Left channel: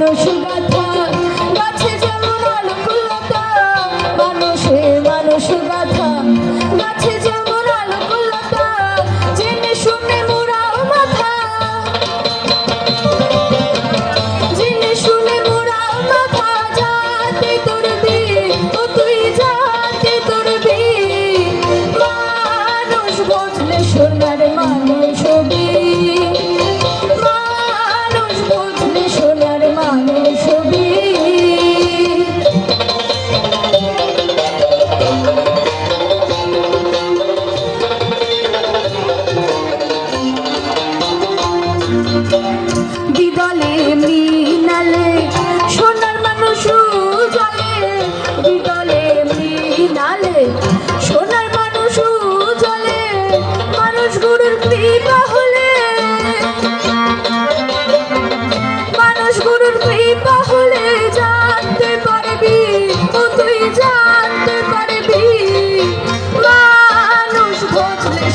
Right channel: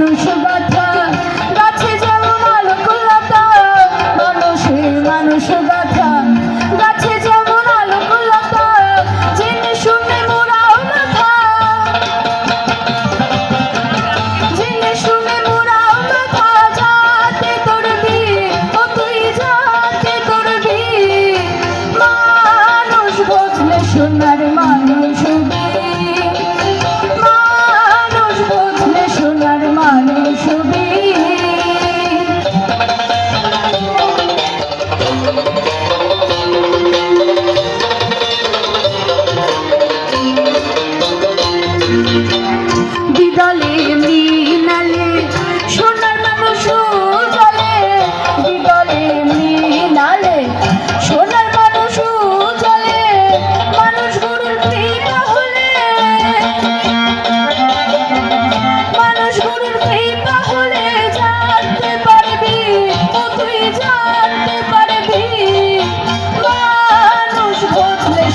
মানুষ গাথা, গাছে যেমন আলোকুলতা, মানুষে মানুষ গাথা। গাছে যেমন আলোকুলতা, জেনে শুনে মোরাও মাথা। জেনে শুনে মোরাও মাথা, যাতে তোর বি ও তুই যাতে তোর বি মানুষ বদলে সোনার মানুষ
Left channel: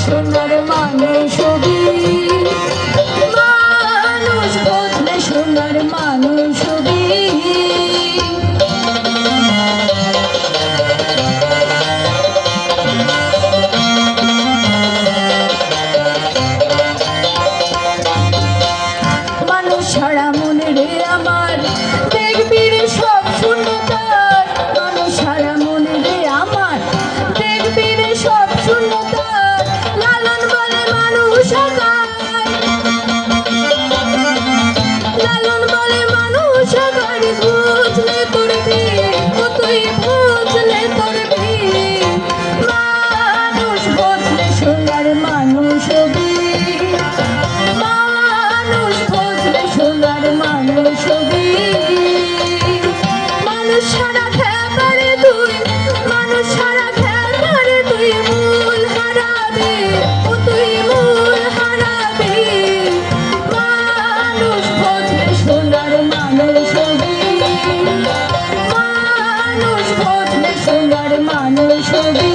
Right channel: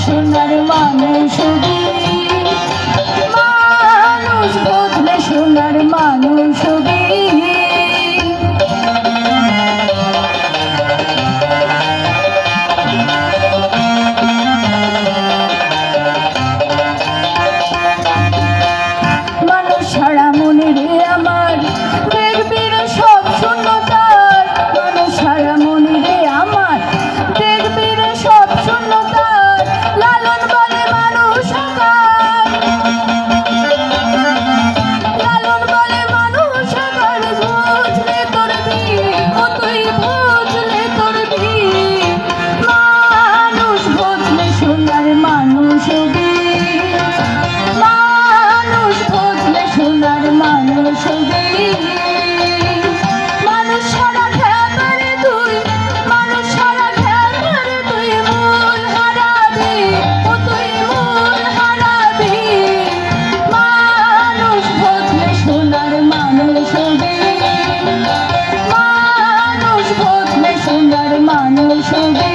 সোনার মানুষ মানুষ